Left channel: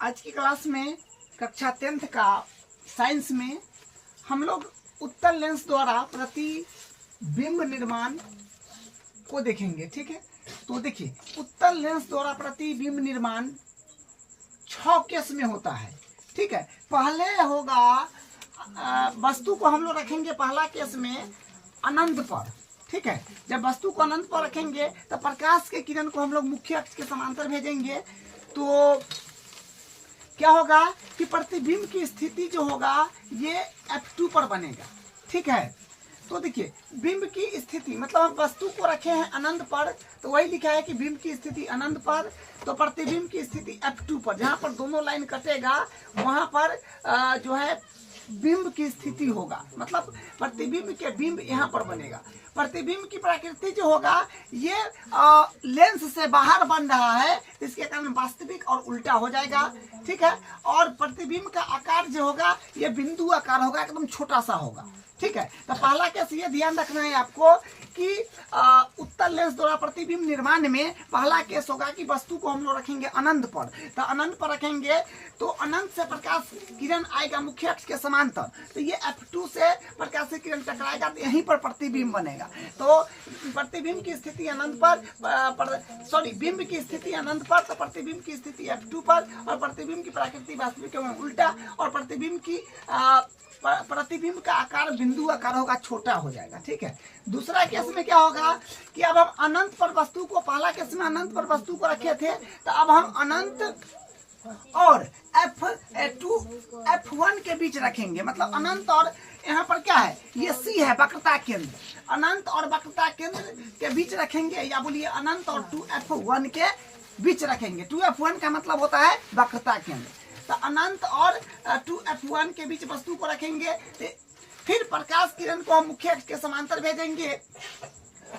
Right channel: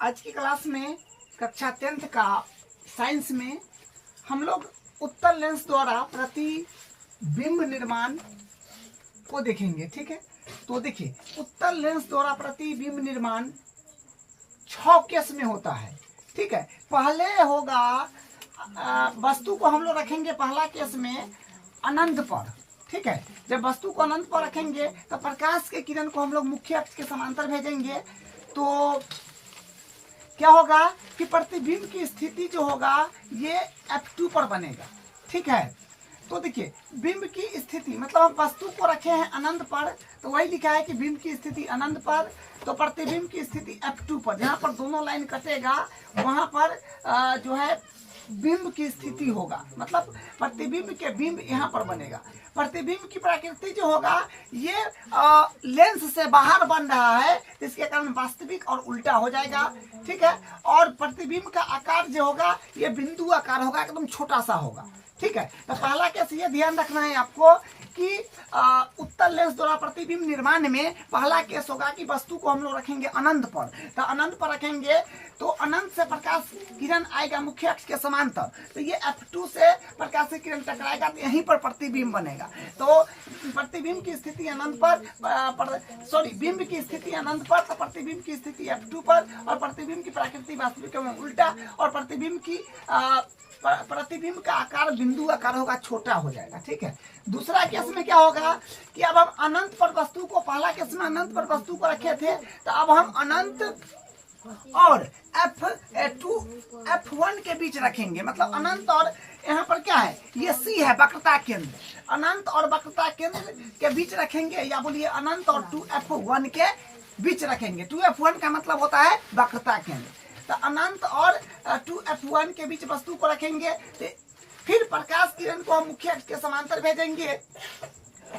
आज की क्लास में कक्षा 10th का साइंस में हम लोग उत्तल लेंस द्वारा प्रतिबिंब निर्माण को देखेंगे। ठीक है, तो देखिए उत्तल लेंस द्वारा प्रतिबिंब निर्माण 6 केस में होता है। ठीक है, पहले होगा वस्तु को हम लोग रखेंगे पहला केस में अनंत पर। ठीक है, जब वस्तु को अनंत पर रखेंगे तो प्रकाश के किरण को हम लोग मुख्य अक्ष के समांतर भेजेंगे तो क्या होगा कि प्रतिबिंब की स्थिति जो होगा ये F2 पर बनेगा। ठीक है, तो देखिए बिंब की स्थिति मतलब हम वस्तु को रखे हैं अनंत पर, तो वही लिखा है कि बिंब की स्थिति अनंत पर, तो प्रतिबिंब की स्थिति F2 पर, जहां पर दोनों लाइन कटेगा वहां पर जो है बिंब की स्थिति होगा, मतलब प्रतिबिंब के बिंब यहाँ पर बनेगा। प्रतिबिंब की प्रकृति जो होगा ये लेंस से बाहर बन रहा है, इसके कारण वास्तविक और उल्टा हो जाएगा। ठीक है, और प्रतिबिंब का आकार जो होगा ये बिंदु आकार होगा, एकदम छोटा सा होगा। ठीक है, तो पहला केस ये ध्यान रखना है आपको कि उत्तल लेंस द्वारा प्रतिबिंब निर्माण में पहला केस होगा कि वस्तु को हम लोग रखेंगे अनंत पर, तो अनंत पर रखेंगे तो अनंत से प्रकाश किरण आएगा मुख्य अक्ष के समांतर, तो ये F2 से प्रकाश की किरण टकराएगा तो यहीं पर प्रतिबिंब बनेगा। तो प्रतिबिंब की स्थिति अनंत पर बिंब की स्थिति अनंत पर, तो प्रतिबिंब की स्थिति F2 पर, और प्रतिबिंब की प्रकृति वास्तविक में उल्टा, और प्रतिबिंब का आकार बिंदु आकार होगा, छोटा हो जाएगा। ठीक है, दूसरा केस में क्या होगा कि अब हम अनंत पर वस्तु को, पहला केस में अनंत पर वस्तु को रखे थे, तो अब हम अनंत और F2 F1 के बीच रखेंगे, मतलब अनंत और यहाँ पर क्या है ये C है वक्रता केंद्र, अनंत और वक्रता केंद्र के बीच रखेंगे, या बोलिए अनंत और 2F1 के बीच रखेंगे। 2F1 का मतलब होता है वक्रता केंद्र, तो अनंत और 2F1 के बीच वस्तु को रखेंगे, फिर प्रकाश किरण को हम मुख्य अक्ष के समांतर भेजेंगे,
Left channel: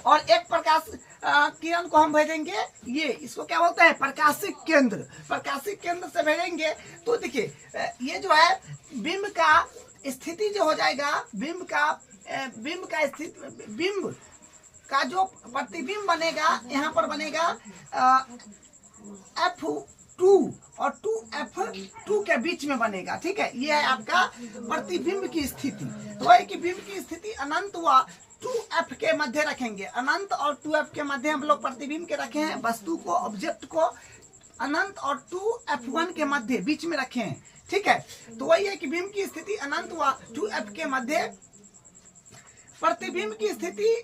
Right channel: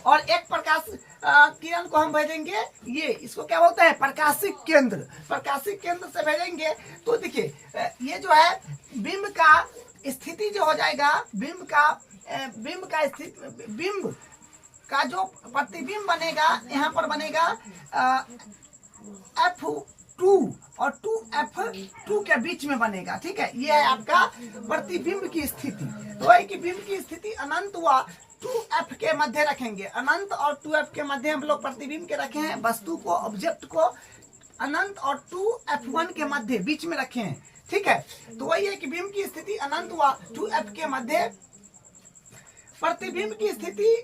और एक प्रकाश किरण को हम भेजेंगे, ये इसको क्या बोलते हैं प्रकाशिक केंद्र, प्रकाशिक केंद्र से भेजेंगे। तो देखिए ये जो है बिंब का स्थिति जो हो जाएगा, बिंब का जो प्रतिबिंब बनेगा यहाँ पर बनेगा F2 और 2F2 के बीच में बनेगा। ठीक है, ये है आपका प्रतिबिंब की स्थिति। तो वही कि बिंब की स्थिति अनंत व 2F के मध्य रखेंगे, अनंत और 2F के मध्य हम लोग प्रतिबिंब के रखे हैं, वस्तु को ऑब्जेक्ट को अनंत और 2F1 के मध्य बीच में रखे हैं। ठीक है, तो वही है कि बिंब की स्थिति अनंत व 2F के मध्य, प्रतिबिंब की स्थिति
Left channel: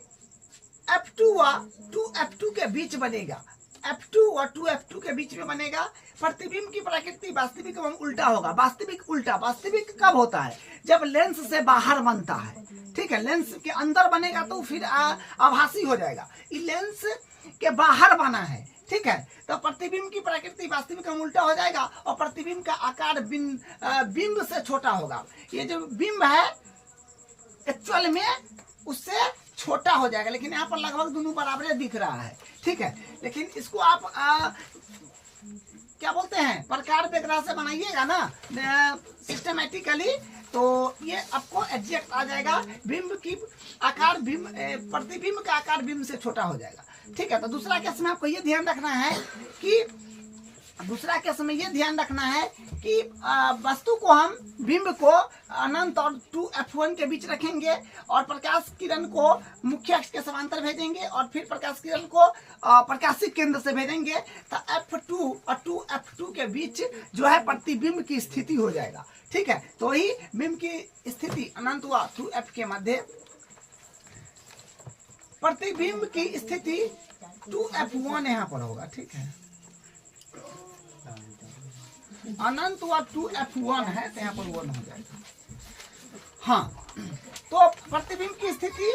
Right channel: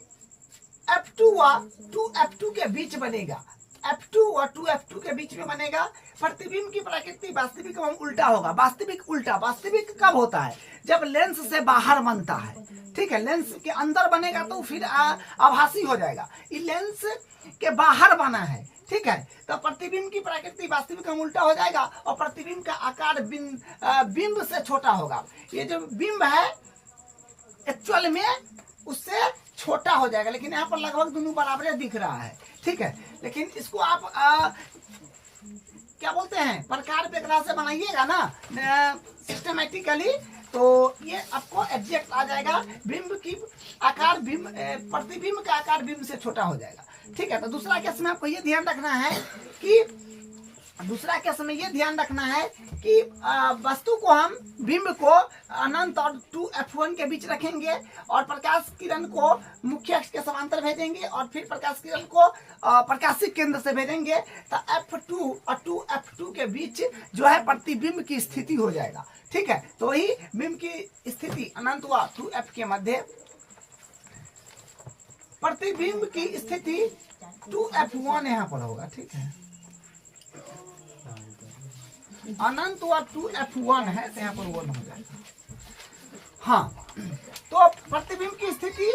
F2 व 2F2 के बीच बनेगा, F2 और 2F2 के बीच में बनेगा। प्रतिबिंब की प्रकृति वास्तविक एवं उल्टा होगा, वास्तविक उल्टा। वास्तविक कब होता है जब लेंस से बाहर बनता है। ठीक है, लेंस के अंदर बनेगा तो फिर आभासी हो जाएगा, ये लेंस के बाहर बना है। ठीक है, तो प्रतिबिंब की प्रकृति वास्तविक एवं उल्टा हो जाएगा, और प्रतिबिंब का आकार बिंब से छोटा होगा। ये जो बिंब है एक्चुअल में उससे छोटा हो जाएगा, लेकिन यहाँ पर लगभग दोनों बराबर दिख रहा है। ठीक है, लेकिन इसको आप क्या बोलते हैं प्रकार व्यग्रह से बनाइएगा ना सिस्टमेटिकली, तो ये आपको एग्जैक्ट आ जाएगा। बिंब की आकार प्रतिबिंब का आकार बिंब से छोटा हो जाएगा। ठीक है, तो दूसरा केस में आपको ये ध्यान रखना है कि वस्तु को हम बिंब को अनंत और 2F1 के बीच रखेंगे, और प्रकाश किरण को मुख्य अक्ष के समांतर भेजेंगे, और फिर प्रकाश किरण को प्रकाशिक केंद्र से भेजेंगे, तो F2 और 2F2 के बीच जो है प्रतिबिंब की स्थिति हो जाएगा। ठीक है, तो वही बिंब की स्थिति अनंत व 2F के मध्य, प्रतिबिंब की स्थिति 2F1 यहाँ पर होगा। ठीक है, अनंत व 2F1 है तो यहाँ पर 1 हो जाएगा। हाँ, तो प्रतिबिंब की स्थिति,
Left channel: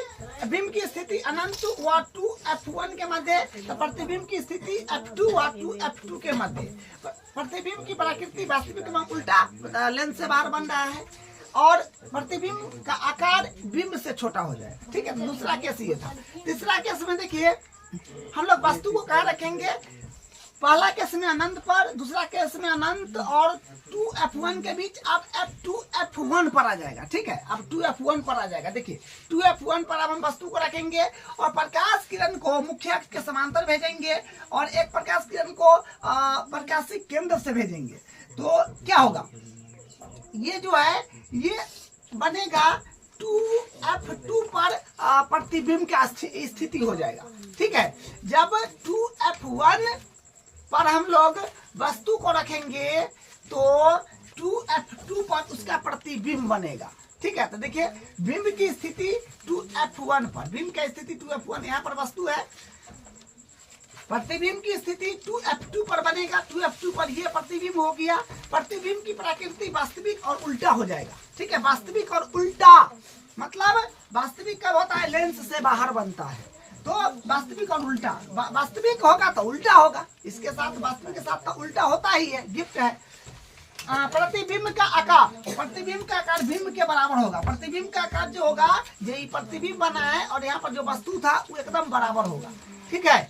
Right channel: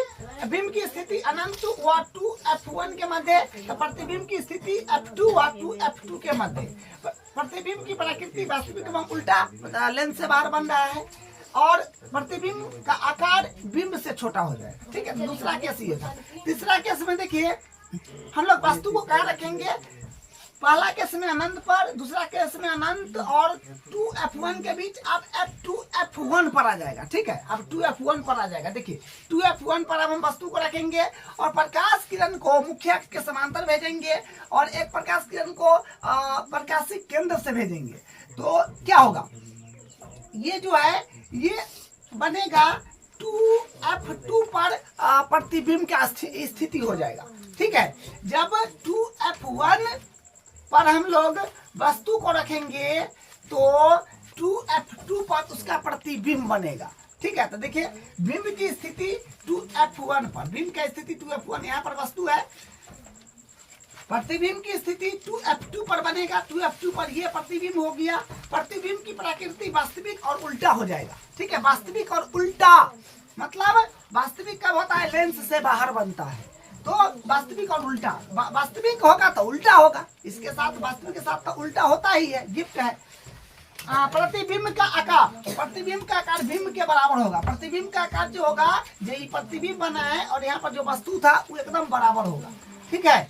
बिंब की स्थिति अनंत व 2F1 के मध्य, तो प्रतिबिंब की स्थिति F2 व 2F2 के मध्य। प्रतिबिंब की प्रकृति वास्तविक एवं उल्टा, लेंस से बाहर बन रहा है, और प्रतिबिंब का आकार बिंब से छोटा हो जाएगा। ठीक है, तो दूसरा केस ये था। तीसरा केस में देखिए हम लोग वस्तु को कहाँ रखेंगे, पहला केस में अनंत पर, दूसरा केस में अनंत और 2F1 के बीच, अब F2F1 पर आ जाएगा। ठीक है, अब 2F1 पर आ जाएगा। देखिए 2F1 पर अब हम वस्तु को रखेंगे, और प्रकाश किरण को मुख्य अक्ष के समांतर भेजेंगे, और एक प्रकाश किरण को प्रकाशिक केंद्र से भेजेंगे। तो क्या होगा, ये जो है ये बनेगा 2F2 पर प्रतिबिंब का स्थिति हो जाएगा। ठीक है, जब 2F1 पर हम लोग वस्तु को रखेंगे तो 2F2 पर उसका प्रतिबिंब बनेगा। ठीक है, तो देखिए बिंब की स्थिति 2F1 पर, बिंब की स्थिति 2F1, यहाँ पर वस्तु है, प्रतिबिंब की स्थिति 2F2 पर बनेगा। 2F2 पर ये प्रतिबिंब हो गया। प्रतिबिंब की प्रकृति वास्तविक और उल्टा हो जाएगा। ठीक है, वास्तविक और उल्टा मतलब वास्तविक कब होता है, लेंस से बाहर बनता है, तो वास्तविक और उल्टा, वास्तविक होगा तो उल्टा होगा, इसके साथ वास्तविक के साथ तो उल्टा होता ही है, गिफ्ट है। प्रतिबिंब का आकार, प्रतिबिंब का आकार बिंब के बराबर होगा। प्रतिबिंब का आकार जो होगा, ये प्रतिबिंब बना है और यहाँ पर जो वस्तु था वो एकदम बराबर होगा। ठीक है,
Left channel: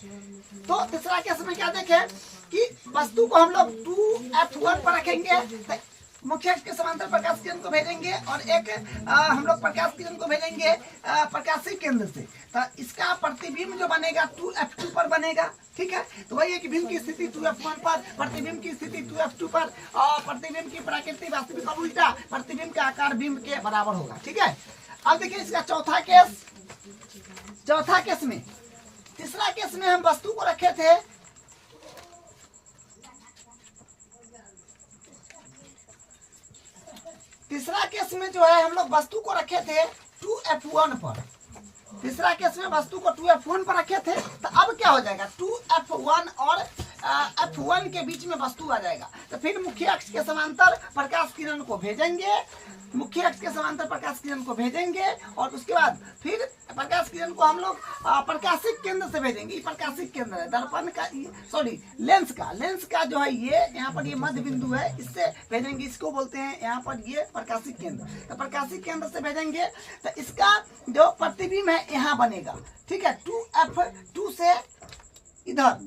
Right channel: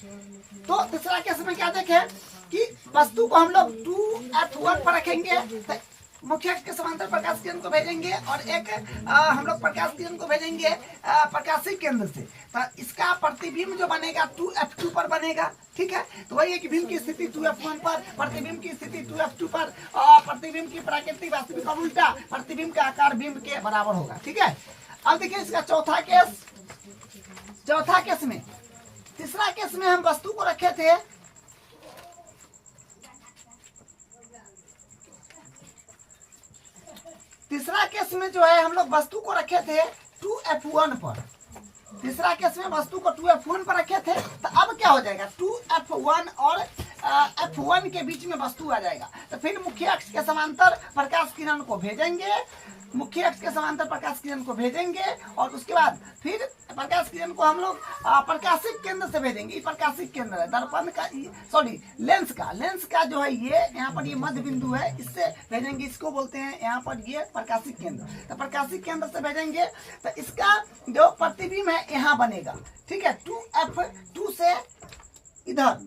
तो तीसरा केस में क्या देखें कि वस्तु को हम लोग 2F1 पर रखेंगे, तो मुख्य अक्ष के समांतर प्रकाश किरण को भेजेंगे और एक हम लोग प्रकाश किरण को भेजेंगे प्रकाशिक केंद्र से, तो इसका प्रतिबिंब जो बनेगा 2F2 पर बनेगा। ठीक है, तो वही है कि बिंब की स्थिति 2F1 पर, प्रतिबिंब की स्थिति 2F2 पर, और प्रतिबिंब की प्रकृति वास्तविक और उल्टा, प्रतिबिंब का आकार बिंब के बराबर होगा। ठीक है, अब देखिए इसका चौथा केस में, तीसरा केस में हम वस्तु को रखे थे तीसरा केस में जो है हम लोग वस्तु को रखे थे 2F1 पर। तीसरा केस में वस्तु को 2F1 पर रखे थे, तो अब क्या हो जाएगा, 2F1 और F1 के बीच में वस्तु आ जाएगा। तो फिर मुख्य अक्ष के समांतर प्रकाश किरण को भेजेंगे, मुख्य अक्ष के समांतर प्रकाश किरण को भेजेंगे और उसके बाद फिर प्रकाश किरण को हम लोग प्रकाशिक केंद्र से भेजेंगे। ये प्रकाशिक केंद्र है दर्पण का, सॉरी लेंस का जो है ये यहाँ पर ये मध्य बिंदु है, इससे भेजेंगे, इसको बोलते हैं यहाँ पर ये प्रकाशिक केंद्र। तो प्रकाशिक केंद्र से भेजेंगे तो इसका जो प्रतिबिंब है यहाँ बनेगा। ठीक है, 2F2 से इधर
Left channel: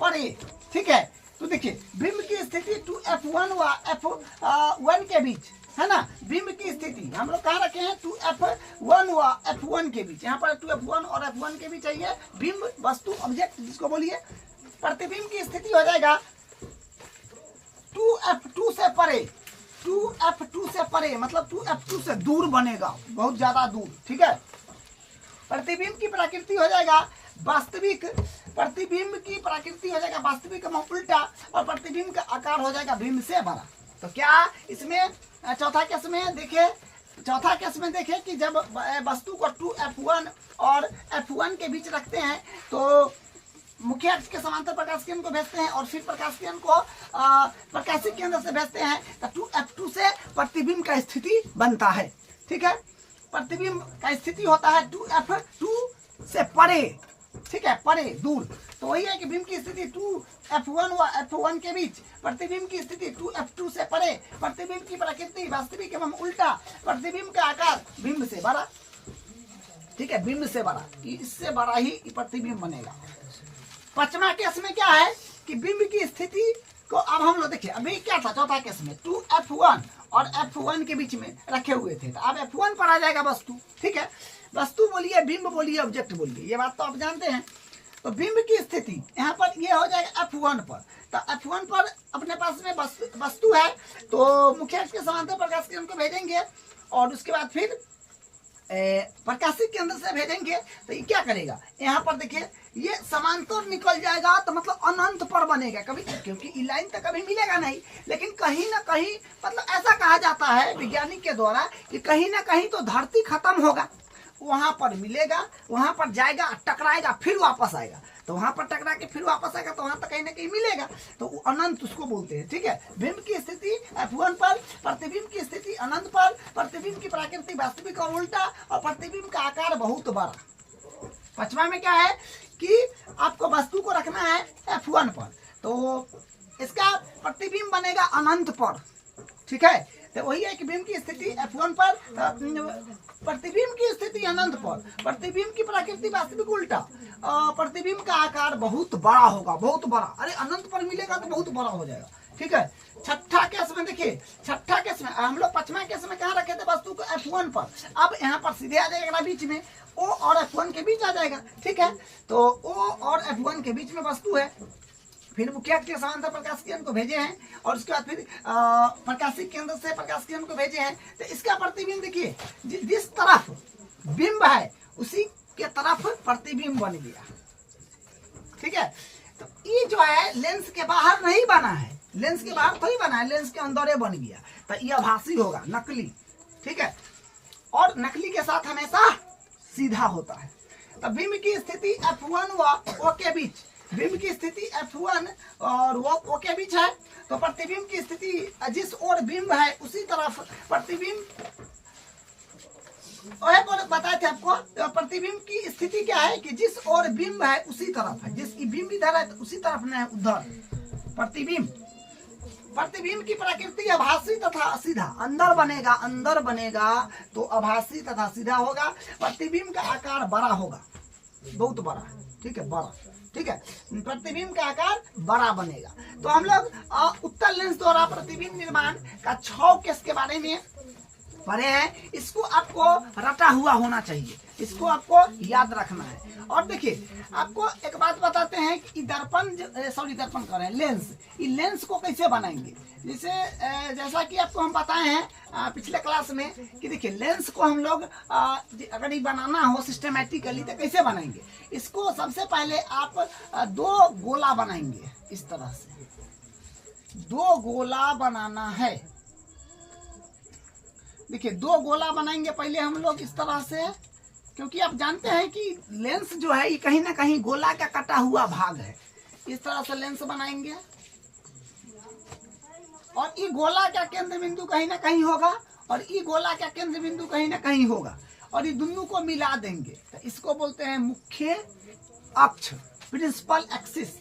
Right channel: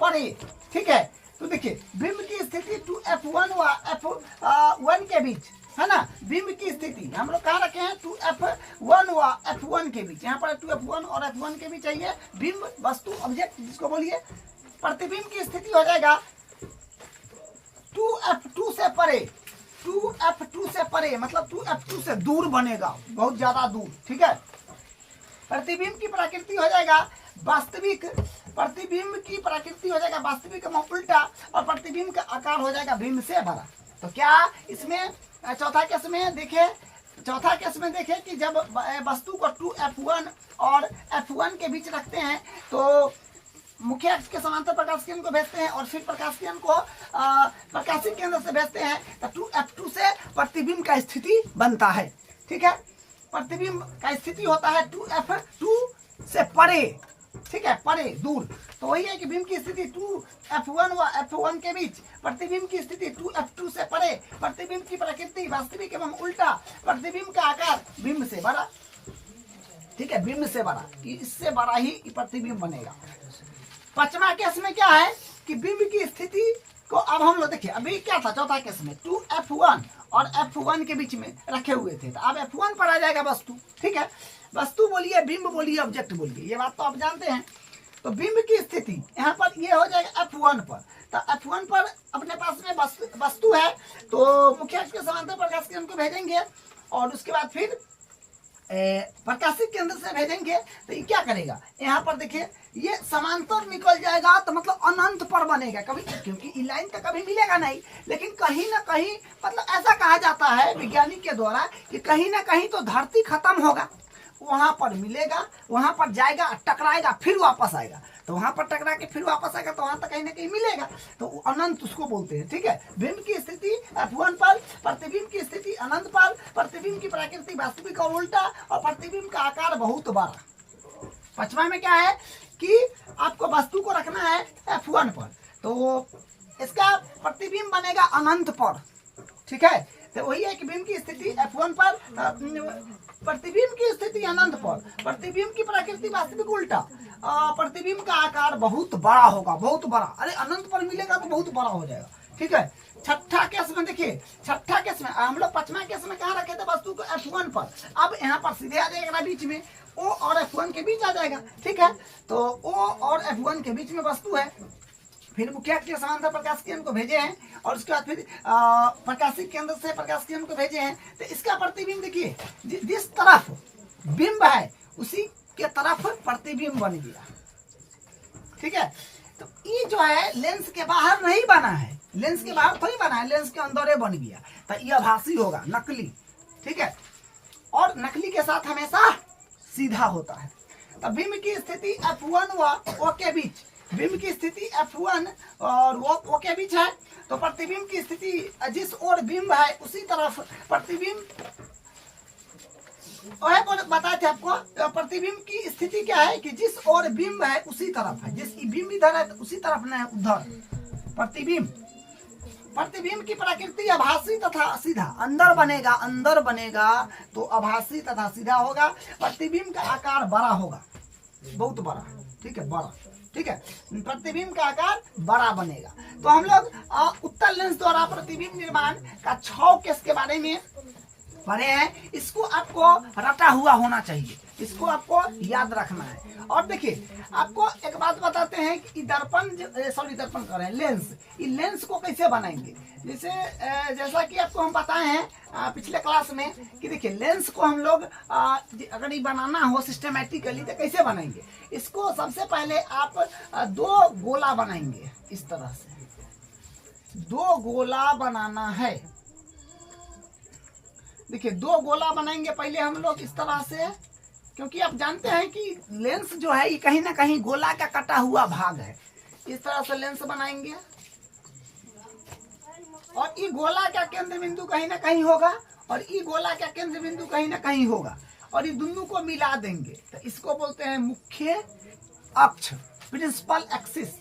परे। ठीक है, तो देखिए बिंब की स्थिति 2F1 व F1 के बीच है ना, बिंब की स्थिति हम लोग कहाँ रखे हैं 2F1 व F1 के बीच, यहाँ पर 2F1 और F1 के बीच चाहिए बिंब, वस्तु, ऑब्जेक्ट जिसको बोलिए। प्रतिबिंब की स्थिति हो जाएगा 2F2 से परे, 2F2 से परे मतलब 2F2 से दूर बनेगा, बहुत ज्यादा दूर। ठीक है, प्रतिबिंब की प्रकृति हो जाएगा वास्तविक, प्रतिबिंब की प्रकृति हो जाएगा वास्तविक में उल्टा, और प्रतिबिंब का आकार हो जाएगा बिंब से बड़ा। तो क्या इसमें चौथा केस में देखे कि जब वस्तु को 2F1 और F1 के बीच रखते हैं तो मुख्य अक्ष के समांतर प्रकाश किरण को भेजते हैं और फिर प्रकाश किरण को प्रकाशिक केंद्र से भेजते हैं, तो 2F2 से प्रतिबिंब का स्थिति बनता है। ठीक है, प्रतिबिंब का स्थिति होता है 2F2 से परे। ठीक है, परे, दूर। तो वही है कि बिंब की स्थिति 2F1 व F1 के बीच, प्रतिबिंब की स्थिति 2F2 से परे, प्रतिबिंब की प्रकृति वास्तविक एवं उल्टा, प्रतिबिंब का आकार बिंब से बड़ा। ठीक है, बिंब से बड़ा, इससे बड़ा ही प्रतिबिंब बनेगा। पांचवा केस में क्या है कि बिंब की स्थिति को अब हम लोग देखिए, अभी क्या था चौथा केस में 2F1 और F1 के बीच में रखे हुए थे, तो अब F1 पर आ जाएगा वस्तु। ठीक है, वस्तु बोलिए, बिंब बोलिए, ऑब्जेक्ट बोलिए, ये बात तो आप जानते हैं। तो बिंब की स्थिति यहाँ पर ये हो जाएगा F1 पर, तो F1 पर अपने पास में वस्तु है, तो मुख्य अक्ष के समांतर प्रकाश किरण को भेजेंगे और उसके बाद फिर प्रकाशिक केंद्र से भेजेंगे। तो ये क्या करेगा, यहाँ पर देखिए ये समांतर निकल जाएगा, तो मतलब अनंत पर बनेगा कभी, क्योंकि लाइन तो कभी मिलेगा नहीं, लेकिन कहीं ना कहीं मतलब ऐसा कहा जाता है वैज्ञानिक के द्वारा कि कहीं ना कहीं तो धरती खत्म होगा, वहां पर मिलेगा, वहां पर जाएगा, टकराएगा, फिर वापस आएगा, तो वहां पर टकरा के फिर वापस आएगा, तो वहां तक कहीं ना कहीं मिलेगा, तो अनंत उसको बोलते हैं। ठीक है, बिंब की स्थिति F1 पर, प्रतिबिंब की स्थिति अनंत पर, प्रतिबिंब की प्रकृति वास्तविक और उल्टा, और प्रतिबिंब का आकार बहुत बड़ा। पांचवा में क्या है कि आपको वस्तु को रखना है F1 पर, तो इसका प्रतिबिंब बनेगा अनंत पर। ठीक है, तो वही है कि बिंब की स्थिति F1 पर, प्रतिबिंब की स्थिति अनंत पर, प्रतिबिंब की प्रकृति वास्तविक उल्टा, प्रतिबिंब का आकार बहुत बड़ा होगा, बहुत बड़ा। अरे अनंत पर मिलेगा तो बहुत बड़ा हो जाएगा। ठीक है, छठा केस में देखिए, छठा केस में हम लोग पांचवा केस में कहाँ रखे थे वस्तु को F1 पर, अब यहाँ पर सीधे आ जाएगा बीच में, O और F1 के बीच आ जाएगा। ठीक है, तो O और F1 के बीच में वस्तु है, फिर मुख्य अक्ष के समांतर प्रकाश किरण को भेजे हैं, और उसके बाद फिर प्रकाशित केंद्र से प्रकाश किरण को भेजे हैं। तो इसका प्रतिबिंब देखिए, जिस तरफ बिंब है उसी के तरफ प्रतिबिंब बन गया। ठीक है, तो ये जो है लेंस के बाहर नहीं बना है, लेंस के बाहर थोड़ी बना है, लेंस के अंदर बन गया। तो ये आभासी होगा, नकली। ठीक है, और नकली के साथ हमेशा सीधा होता है। तो बिंब की स्थिति F1 व O के बीच, बिंब की स्थिति F1 और O के बीच है। तो प्रतिबिंब की स्थिति जिस ओर बिंब है उसी तरफ प्रतिबिंब, बताए थे आपको। तो प्रतिबिंब की स्थिति क्या है कि जिस ओर बिंब है उसी तरफ है, जिस बिंब इधर है तो उसी तरफ न है उधर। प्रतिबिंब की प्रकृति आभासी तथा सीधा, अंदर बनेगा तो आभासी तथा सीधा होगा। प्रतिबिंब का आकार बड़ा होगा, बहुत बड़ा। ठीक है, बड़ा। ठीक है, प्रतिबिंब का आकार बड़ा बनेगा। तो हम लोग उत्तल लेंस द्वारा प्रतिबिंब निर्माण का 6 केस के बारे में पढ़े हैं। इसको आपको रटा हुआ होना चाहिए, इसको आपको याद रखना है। और देखिए, आपको एक बात बताते हैं कि दर्पण कह रहे हैं, लेंस, ये लेंस को कैसे बनाएंगे। जैसा कि आपको हम बताए हैं पिछले क्लास में कि देखिए, लेंस को हम लोग अगर ये बनाना हो सिस्टमेटिकली तो कैसे बनाएंगे। इसको सबसे पहले आप 2 गोला बनाएंगे। इस तरह से 2 गोला बनाना है। देखिए, 2 गोला बनाएंगे पहले हम लोग इस तरह से, क्योंकि आप जानते हैं कि लेंस जो है ये कहीं ना कहीं गोला का कटा हुआ भाग है। इस तरह से लेंस बनाएंगे, और ये गोला का केंद्र बिंदु कहीं ना कहीं होगा, और ये गोला का केंद्र बिंदु कहीं ना कहीं होगा, और ये दोनों को मिला देंगे। तो इसको बोलते हैं मुख्य अक्ष, प्रिंसिपल एक्सिस।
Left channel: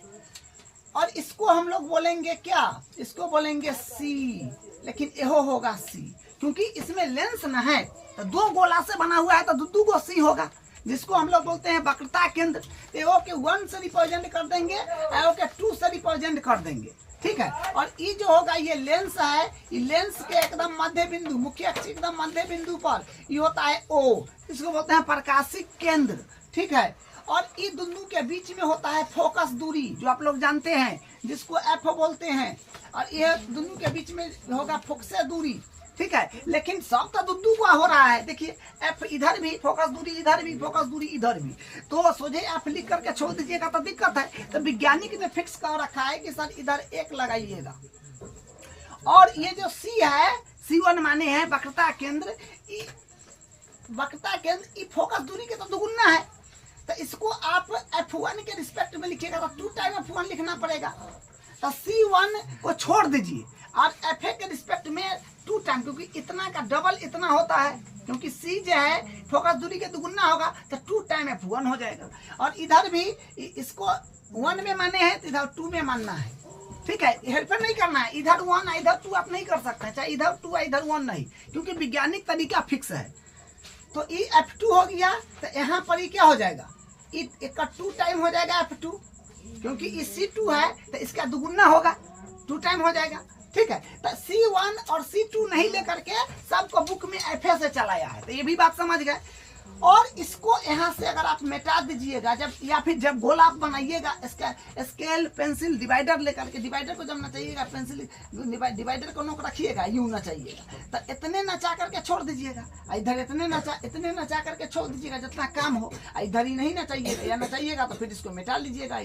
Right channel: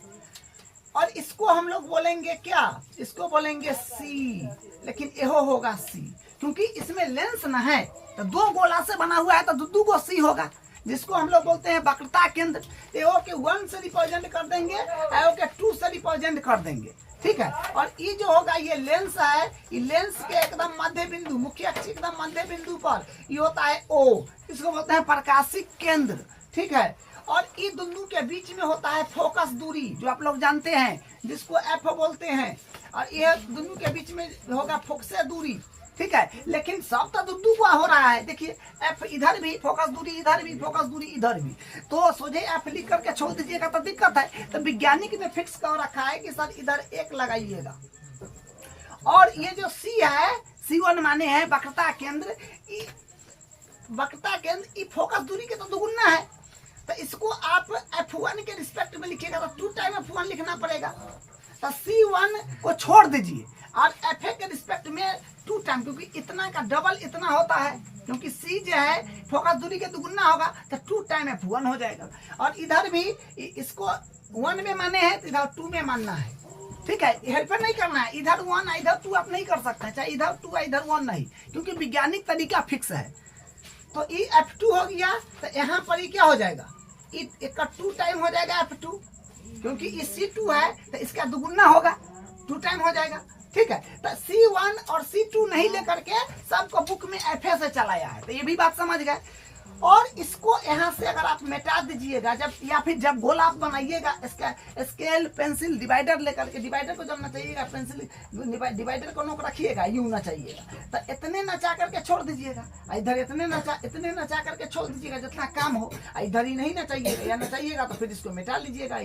और इसको हम लोग बोलेंगे क्या, इसको बोलेंगे सी, लेकिन यहो होगा सी, क्योंकि इसमें लेंस न है। तो 2 गोला से बना हुआ है तो 2 गो सी होगा, जिसको हम लोग बोलते हैं वक्रता केंद्र। एओ के 1 से रिप्रेजेंट कर देंगे, एओ के 2 से रिप्रेजेंट कर देंगे। ठीक है, और ये जो होगा ये लेंस है, ये लेंस के एकदम मध्य बिंदु, मुख्य अक्ष एकदम मध्य बिंदु पर ये होता है O, इसको बोलते हैं प्रकाशिक केंद्र। ठीक है, और ये दोनों के बीच में होता है फोकस दूरी, जो आप लोग जानते हैं, जिसको F बोलते हैं, और ये दोनों के बीच में होगा फोकस दूरी। ठीक है, लेकिन सब तो दुद्दू का हो रहा है। देखिए, F इधर भी फोकस दूरी, इधर भी फोकस दूरी, इधर भी, तो सोझे F लिख करके छोड़ दीजिएगा तो दिक्कत है। तो वैज्ञानिक ने फिक्स कर रखा है कि सर इधर 1 लगाइएगा। और ये जो C है, C1 माने है वक्रता केंद्र। वक्रता केंद्र ये फोकस दूरी के तो दुगुना है, तो इसको आप F1 के रिस्पेक्ट में लिखिएगा तो 2 टाइम F1 लिखना पड़ेगा। तो C1 को छोड़ दीजिए और FA के रिस्पेक्ट में 2 टाइम, क्योंकि इतना का डबल इतना होता है, क्योंकि C जो है फोकस दूरी के दुगुना होगा, तो 2 टाइम F1 हो जाएगा। और इधर भी इसको 1 में माने हैं तो इधर 2 में मानना है। ठीक है, हेल्पर नहीं करना है, इधर 1 इधर 2 आप नहीं कर सकते हैं, चाहे इधर 2 इधर 1 नहीं, क्योंकि वैज्ञानिक तरीका फिक्स है। तो ये F2 हो गया, तो यहाँ पर ये क्या हो जाएगा, इसका 2 टाइम हो जाएगा F2, क्योंकि ये C2 है तो इसका दुगुना होगा, 2 टाइम हो जाएगा। ठीक है, तो C1 और C2 नहीं लेकर के सबको बुक में FA से चलाया है, तो ये भी बात समझ गए। और इसको यहाँ से अगर आप मिटा दीजिएगा, जब या फिर जब गोला आप बनाइएगा, इसका स्केल पेंसिल डिवाइडर लेकर के, डिवाइडर को जब नचाइएगा, पेंसिल डिवाइडर को नोक रखिएगा, यूं नचाइएगा, तो इतने नचा करके छोड़ दीजिएगा, इधर इतने नचा करके छोड़ दीजिएगा जितना काम हो, इधर ही नहीं नचाइएगा, या नचाइएगा तो फिर इसको मिटा लीजिएगा,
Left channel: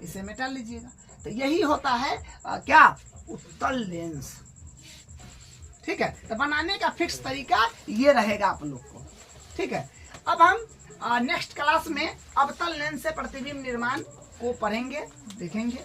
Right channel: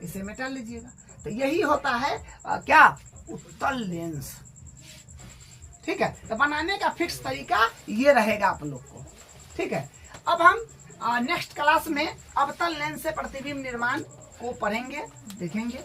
इसे मिटा लीजिएगा। तो यही होता है क्या, उत्तल लेंस। ठीक है, तो बनाने का फिक्स तरीका ये रहेगा आप लोग को। ठीक है, अब हम नेक्स्ट क्लास में अवतल लेंस से प्रतिबिंब निर्माण को पढ़ेंगे, देखेंगे।